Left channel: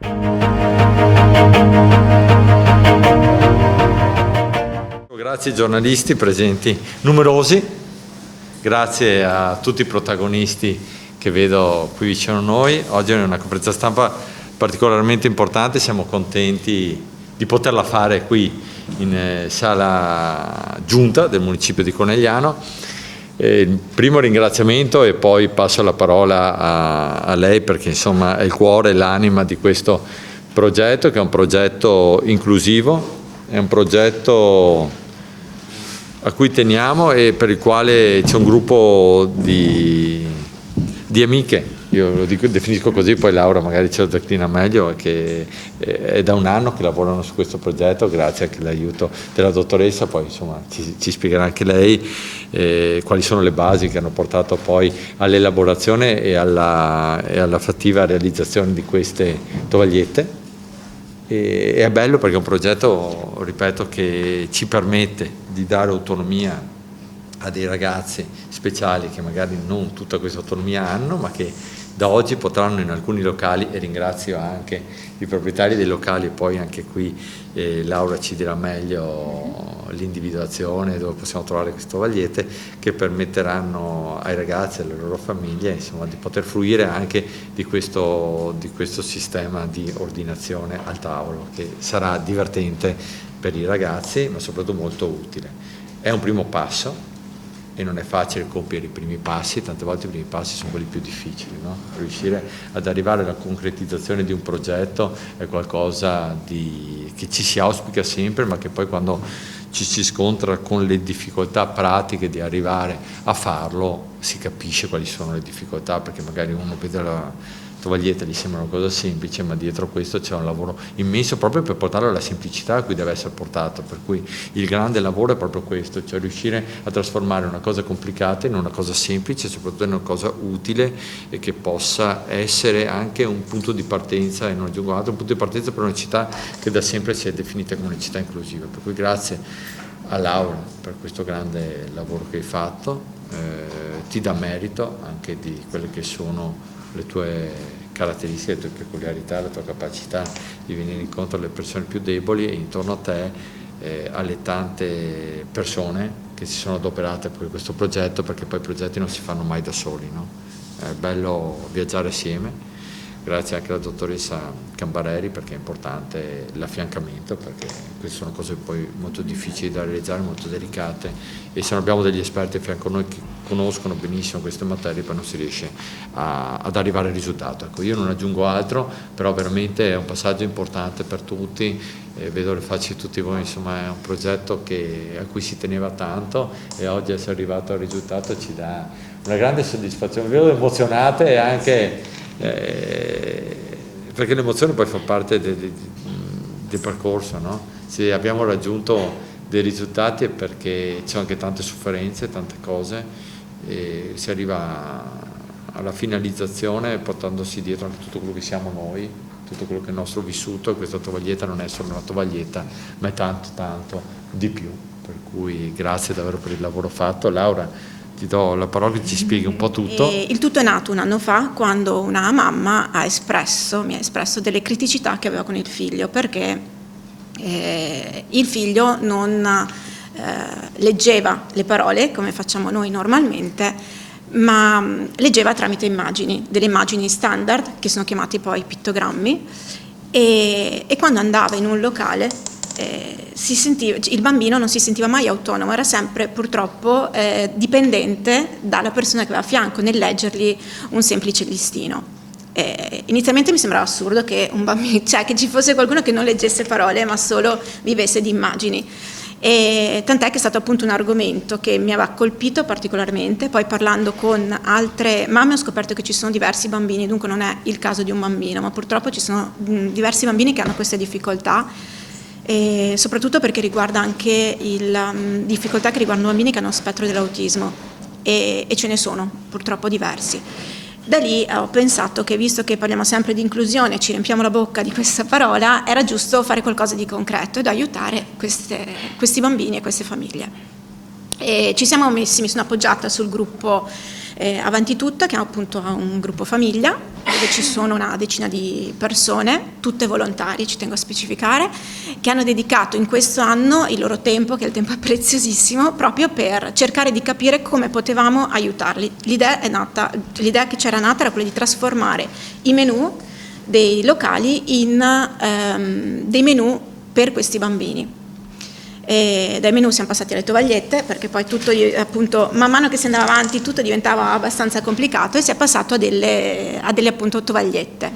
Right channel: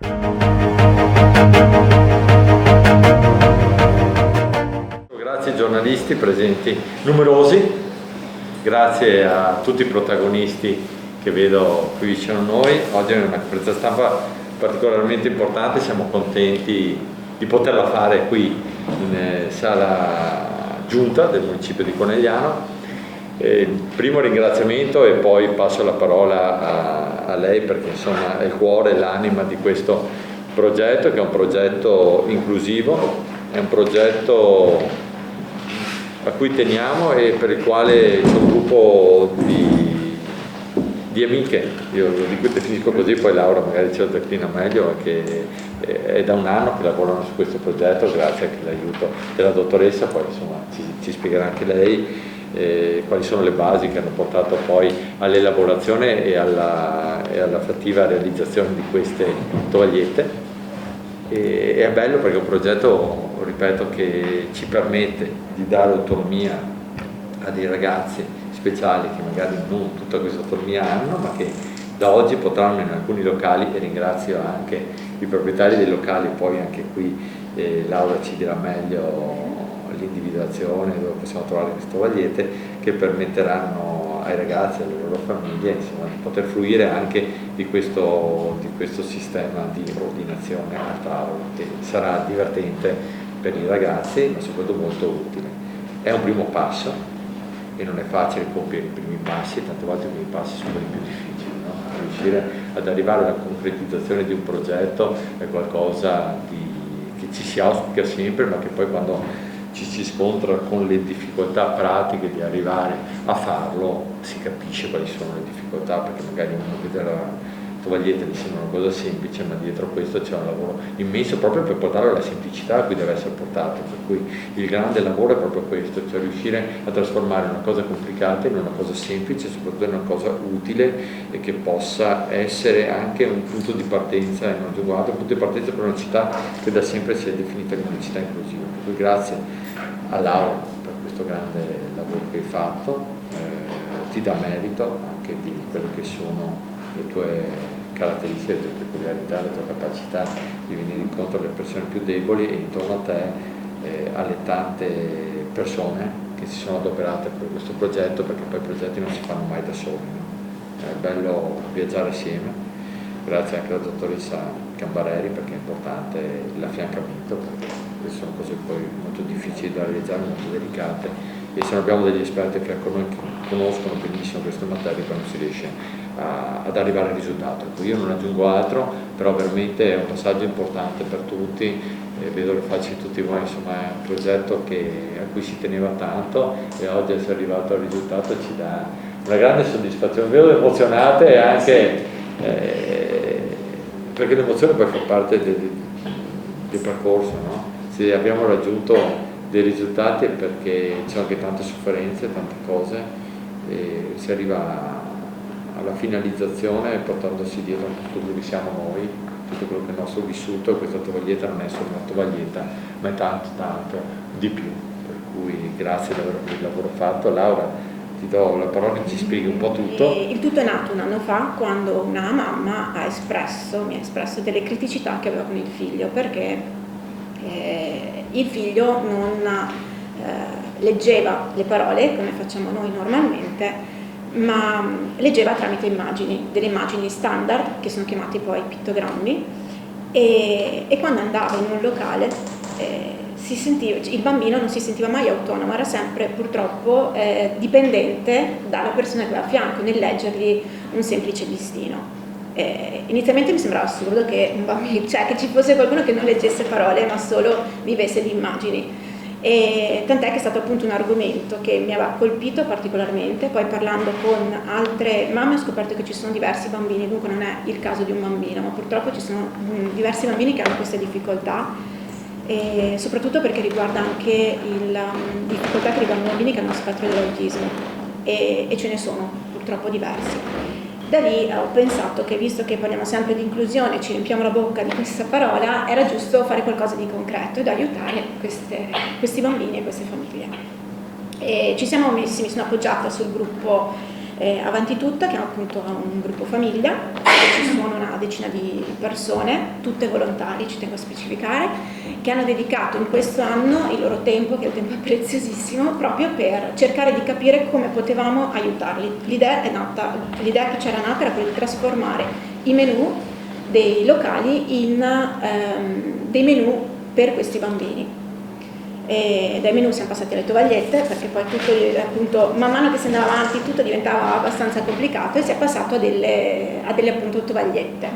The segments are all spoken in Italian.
Grazie ai giornalisti presenti numerosi, grazie a tutti i protagonisti che vedo qui vicino a noi. Oggi è una conferenza stampa particolarmente importante, siamo contenti di poterla fare qui in sala giunta del municipio di Conegliano. Il primo ringraziamento e poi passo la parola a lei perché insomma è il cuore e l'anima di questo progetto, che è un progetto inclusivo, è un progetto a cui teniamo e per il quale c'è un gruppo di amiche, io lo definisco così, poi Laura magari ce lo declina meglio, che è da un anno che lavorano su questo progetto grazie anche all'aiuto della dottoressa, poi insomma ci spiegherà anche lei quali sono le basi che hanno portato poi all'elaborazione e alla fattiva realizzazione di queste tovagliette. E è bello perché è un progetto, ripeto, che ci permette di dare autonomia a dei ragazzi speciali che magari non tutta questa autonomia hanno, ma che da oggi potranno in alcuni locali, e ringrazio anche i proprietari dei locali, poi anche qui Laura ci dirà meglio l'individuazione dove possiamo trovare queste tovagliette, che permetteranno ai ragazzi e alle loro famiglie insomma, di poter fruire anche di questo sistema di ordinazione al tavolo, che sarà divertente per i ragazzi ma soprattutto molto utile. È un primo passo e non è facile compiere i primi passi, tante volte i primi passi sono quelli più difficili, no? Riuscire ad arrivare alla concretizzazione di un progetto è qualcosa che ci si auspica sempre, ma che poi quando ci si scontra con le difficoltà pratiche di arrivare a farlo si capisce quali sono le difficoltà, perché magari uno vede la tovaglietta gli sembra una cosa semplice, ma dietro questo c'è un lavoro immenso proprio per portarlo alla semplicità a cui deve essere portato, per cui il grande lavoro è proprio questo, cioè riuscire a trasformare una cosa complicata in una cosa semplice, soprattutto in una cosa utile e che possa essere anche un punto di partenza, e non aggiungo altro, un punto di partenza per una città che da sempre si è definita come una città inclusiva. Per cui grazie a Laura per questo grande lavoro che hai fatto, ti dà merito anche di quelle che sono le tue caratteristiche, le tue peculiarità, la tua capacità di venire incontro alle persone più deboli e intorno a te alle tante persone che si sono adoperate per questo progetto, perché poi i progetti non si fanno mai da soli, no? È bello viaggiare assieme. Grazie anche alla dottoressa Cambareri perché è importante l'affiancamento, perché queste sono cose poi molto difficili da realizzare, molto delicate, e se non abbiamo degli esperti a fianco a noi che conoscono benissimo queste materie poi non si riesce ad arrivare al risultato. Ecco, io non aggiungo altro, però veramente è un passaggio importante per tutti, vedo le facce di tutti voi, insomma è un progetto a cui si teneva tanto e oggi essere arrivato al risultato ci dà una grande soddisfazione, vedo emozionate e anche perché l'emozione poi fa parte del percorso, no? Se abbiamo raggiunto dei risultati è perché c'è anche tante sofferenze, tante cose, e si arriva alla finalizzazione portandosi dietro tutto quello che siamo noi, tutto quello che è il nostro vissuto, e questa tovaglietta non è solo una tovaglietta ma è tanto tanto di più, per cui grazie davvero per il lavoro fatto. Laura, ti do la parola che ci spieghi un po' tutto. Il tutto è nato un anno fa, quando una mamma mi ha espresso delle criticità che aveva con il figlio, perché il figlio non leggeva le parole come facciamo noi normalmente, ma leggeva tramite immagini, delle immagini standard che sono chiamate poi pittogrammi, e quando andava in un locale il bambino non si sentiva mai autonomo, era sempre purtroppo dipendente dalla persona che aveva a fianco nel leggergli un semplice listino. Inizialmente mi sembrava assurdo che un bambino, cioè che ci fosse qualcuno che non leggesse parole ma solo vivesse di immagini. E tant'è che è stato appunto un argomento che mi aveva colpito particolarmente. Poi parlando con altre mamme ho scoperto che ci sono diversi bambini, dunque non è il caso di un bambino, ma purtroppo ci sono diversi bambini che hanno queste difficoltà, e soprattutto perché riguarda anche difficoltà che riguardano bambini che hanno spettro dell'autismo, e ce ne sono purtroppo diversi. Da lì ho pensato che, visto che parliamo sempre di inclusione, ci riempiamo la bocca di questa parola, era giusto fare qualcosa di concreto ed aiutare questi bambini e queste famiglie. E mi sono appoggiata sul gruppo Avanti Tutta, che è appunto un gruppo famiglia, dove ci sono una decina di persone, tutte volontari, ci tengo a specificare, che hanno dedicato in questo anno il loro tempo, che il tempo è preziosissimo, proprio per cercare di capire come potevamo aiutarli. L'idea che c'era nata era quella di trasformare i menù dei locali in dei menù per questi bambini. E dai menù siamo passati alle tovagliette, perché poi tutto, appunto, man mano che si andava avanti tutto diventava abbastanza complicato, e si è passato a delle appunto tovagliette.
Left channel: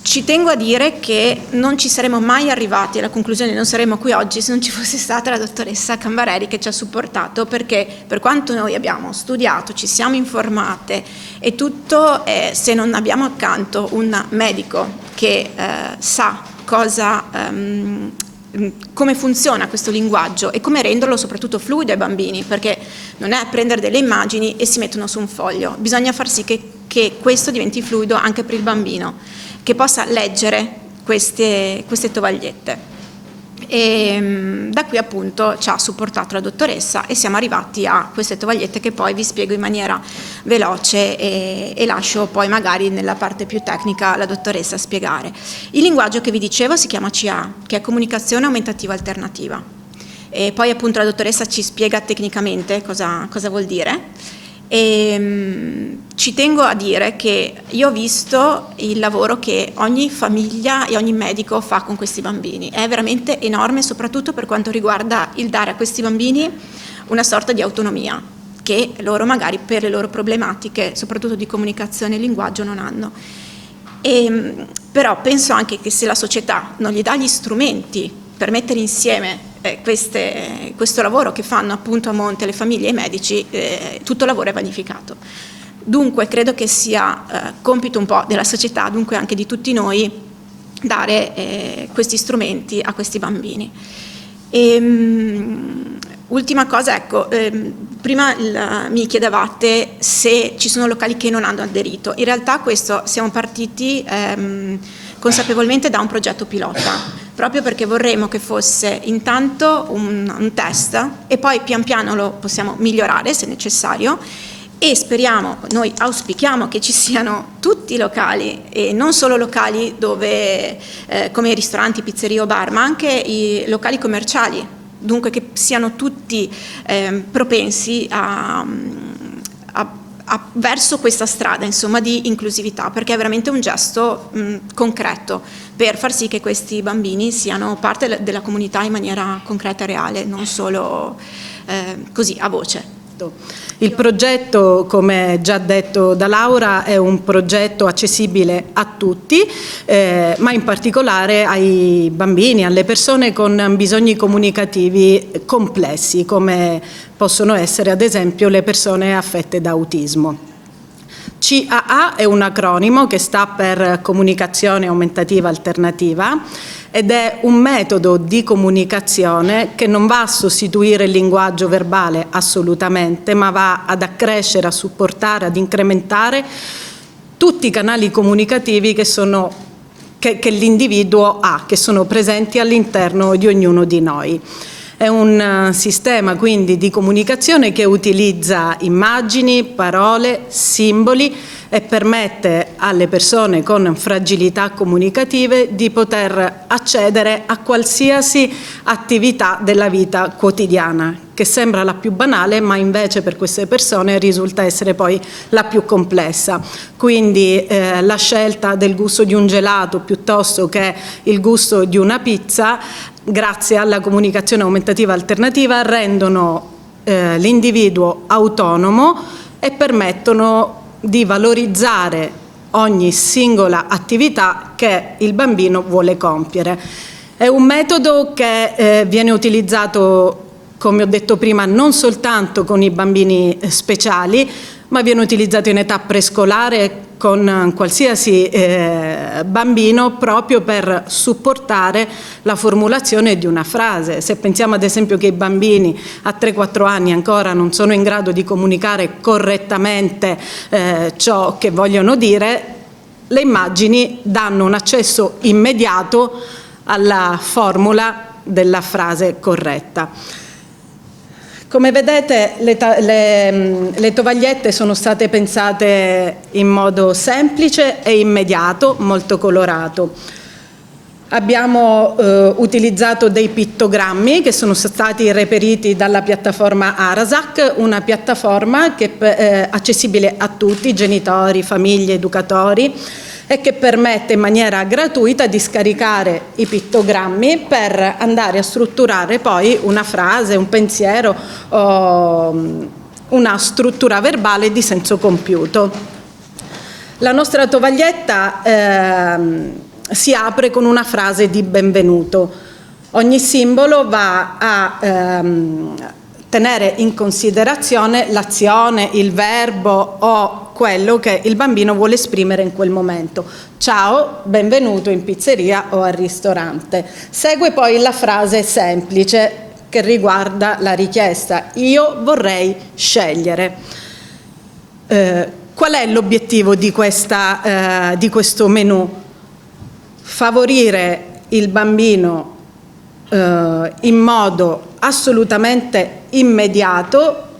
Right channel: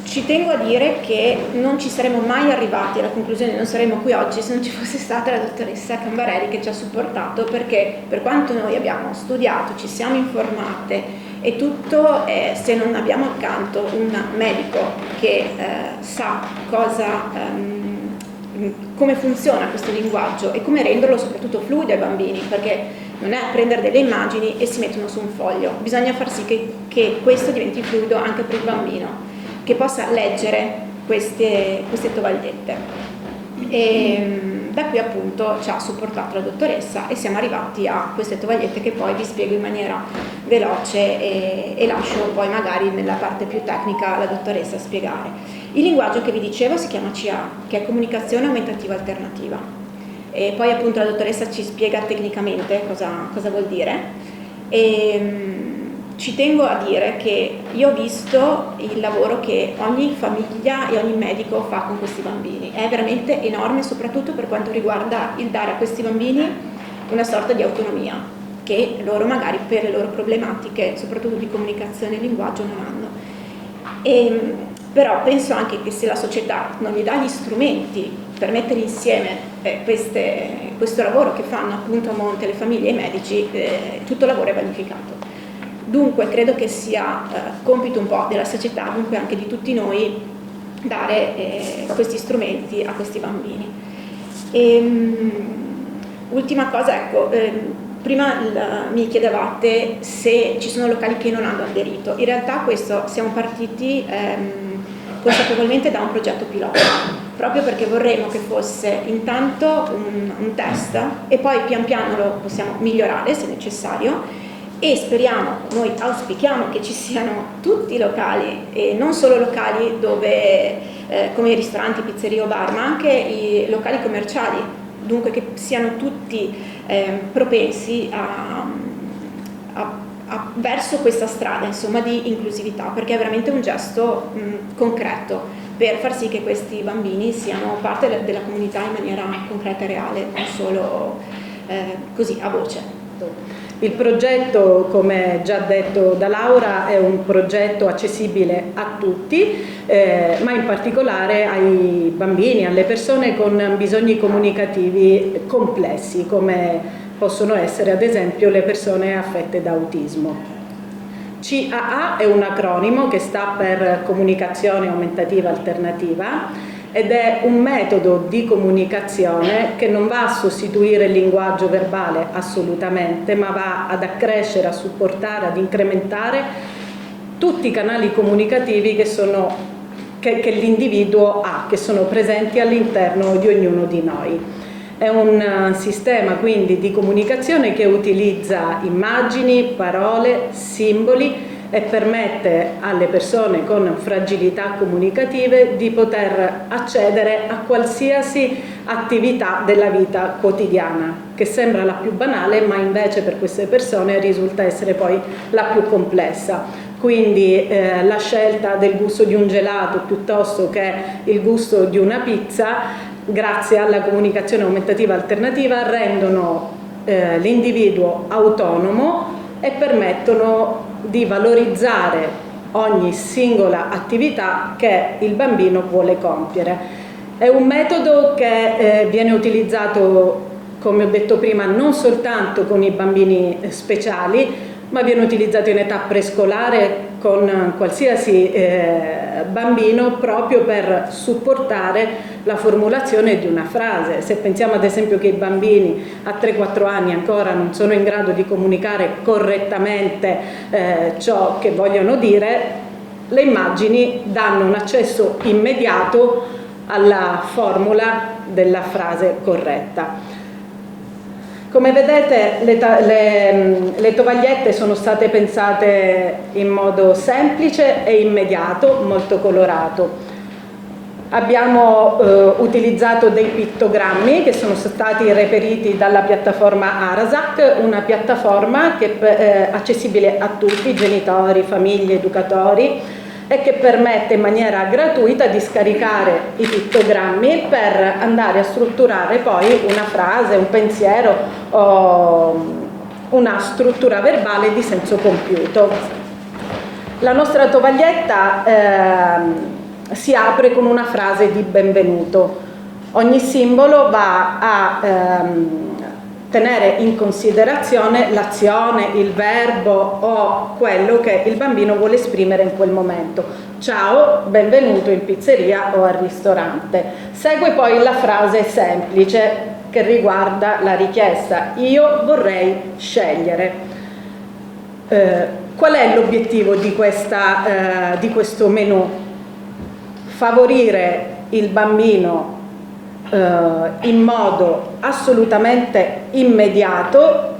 Ci tengo a dire che non ci saremmo mai arrivati alla conclusione, non saremmo qui oggi se non ci fosse stata la dottoressa Cambarelli che ci ha supportato, perché per quanto noi abbiamo studiato, ci siamo informate e tutto, se non abbiamo accanto un medico che sa come funziona questo linguaggio e come renderlo soprattutto fluido ai bambini, perché non è prendere delle immagini e si mettono su un foglio, bisogna far sì che questo diventi fluido anche per il bambino, che possa leggere queste tovagliette. E da qui appunto ci ha supportato la dottoressa e siamo arrivati a queste tovagliette che poi vi spiego in maniera veloce e lascio poi magari nella parte più tecnica la dottoressa spiegare. Il linguaggio che vi dicevo si chiama CA, che è comunicazione aumentativa alternativa, e poi appunto la dottoressa ci spiega tecnicamente cosa vuol dire. Ci tengo a dire che io ho visto il lavoro che ogni famiglia e ogni medico fa con questi bambini, è veramente enorme, soprattutto per quanto riguarda il dare a questi bambini una sorta di autonomia che loro magari per le loro problematiche, soprattutto di comunicazione e linguaggio, non hanno. Però penso anche che se la società non gli dà gli strumenti per mettere insieme questo lavoro che fanno appunto a monte le famiglie e i medici, tutto il lavoro è vanificato. Dunque credo che sia compito un po' della società, dunque anche di tutti noi, dare questi strumenti a questi bambini. Ultima cosa, ecco, prima mi chiedevate se ci sono locali che non hanno aderito. In realtà questo siamo partiti consapevolmente da un progetto pilota, proprio perché vorremmo che fosse intanto un test e poi pian piano lo possiamo migliorare se necessario. E speriamo, noi auspichiamo che ci siano tutti i locali e non solo locali dove, come i ristoranti, pizzerie o bar, ma anche i locali commerciali, dunque che siano tutti propensi verso questa strada, insomma, di inclusività, perché è veramente un gesto concreto per far sì che questi bambini siano parte della comunità in maniera concreta e reale, non solo così a voce. Il progetto, come già detto da Laura, è un progetto accessibile a tutti, ma in particolare ai bambini, alle persone con bisogni comunicativi complessi, come possono essere ad esempio le persone affette da autismo. CAA è un acronimo che sta per Comunicazione Aumentativa Alternativa ed è un metodo di comunicazione che non va a sostituire il linguaggio verbale assolutamente, ma va ad accrescere, a supportare, ad incrementare tutti i canali comunicativi che l'individuo ha, che sono presenti all'interno di ognuno di noi. È un sistema quindi di comunicazione che utilizza immagini, parole, simboli e permette alle persone con fragilità comunicative di poter accedere a qualsiasi attività della vita quotidiana, che sembra la più banale, ma invece per queste persone risulta essere poi la più complessa. Quindi la scelta del gusto di un gelato piuttosto che il gusto di una pizza, grazie alla comunicazione aumentativa alternativa, rendono l'individuo autonomo e permettono di valorizzare ogni singola attività che il bambino vuole compiere. È un metodo che viene utilizzato, come ho detto prima, non soltanto con i bambini speciali, ma viene utilizzato in età prescolare con qualsiasi bambino, proprio per supportare la formulazione di una frase. Se pensiamo ad esempio che i bambini a 3-4 anni ancora non sono in grado di comunicare correttamente ciò che vogliono dire, le immagini danno un accesso immediato alla formula della frase corretta. Come vedete le tovagliette sono state pensate in modo semplice e immediato, molto colorato. Abbiamo utilizzato dei pittogrammi che sono stati reperiti dalla piattaforma Arasac, una piattaforma che è accessibile a tutti, genitori, famiglie, educatori, e che permette in maniera gratuita di scaricare i pittogrammi per andare a strutturare poi una frase, un pensiero o una struttura verbale di senso compiuto. La nostra tovaglietta si apre con una frase di benvenuto. Ogni simbolo va a tenere in considerazione l'azione, il verbo o quello che il bambino vuole esprimere in quel momento. Ciao, benvenuto in pizzeria o al ristorante. Segue poi la frase semplice che riguarda la richiesta. Io vorrei scegliere. Qual è l'obiettivo di questo menù? Favorire il bambino in modo assolutamente immediato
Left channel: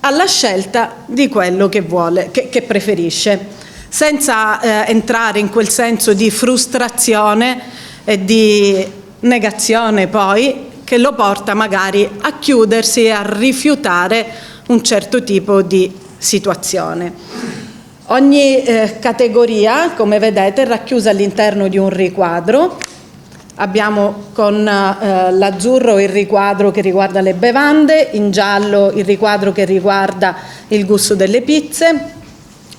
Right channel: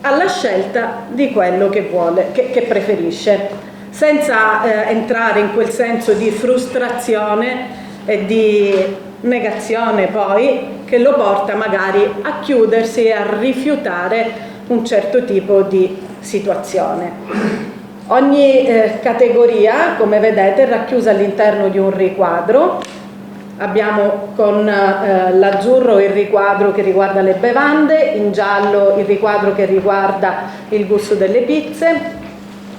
alla scelta di quello che vuole, che preferisce, senza entrare in quel senso di frustrazione e di negazione poi che lo porta magari a chiudersi e a rifiutare un certo tipo di situazione. Ogni categoria, come vedete, è racchiusa all'interno di un riquadro. Abbiamo con l'azzurro il riquadro che riguarda le bevande, in giallo il riquadro che riguarda il gusto delle pizze,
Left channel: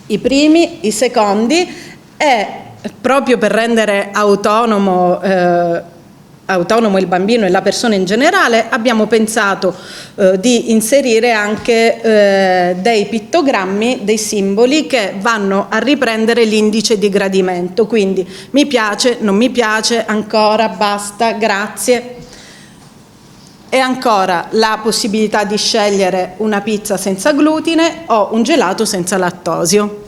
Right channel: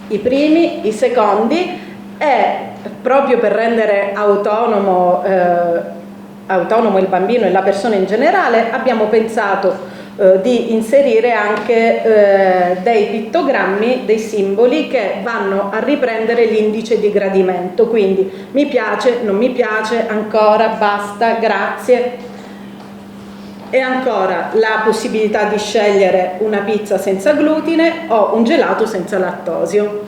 i primi, i secondi, e proprio per rendere autonomo il bambino e la persona in generale abbiamo pensato di inserire anche dei pittogrammi, dei simboli che vanno a riprendere l'indice di gradimento, quindi mi piace, non mi piace, ancora, basta, grazie. E ancora la possibilità di scegliere una pizza senza glutine o un gelato senza lattosio.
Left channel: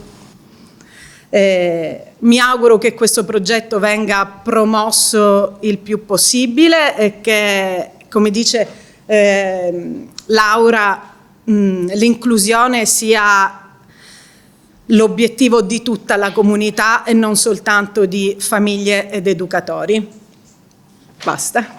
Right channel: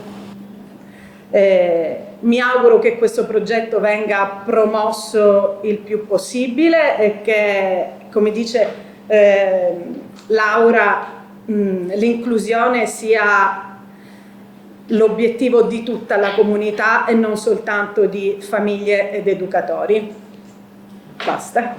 Mi auguro che questo progetto venga promosso il più possibile e che, come dice Laura, l'inclusione sia l'obiettivo di tutta la comunità e non soltanto di famiglie ed educatori. Basta.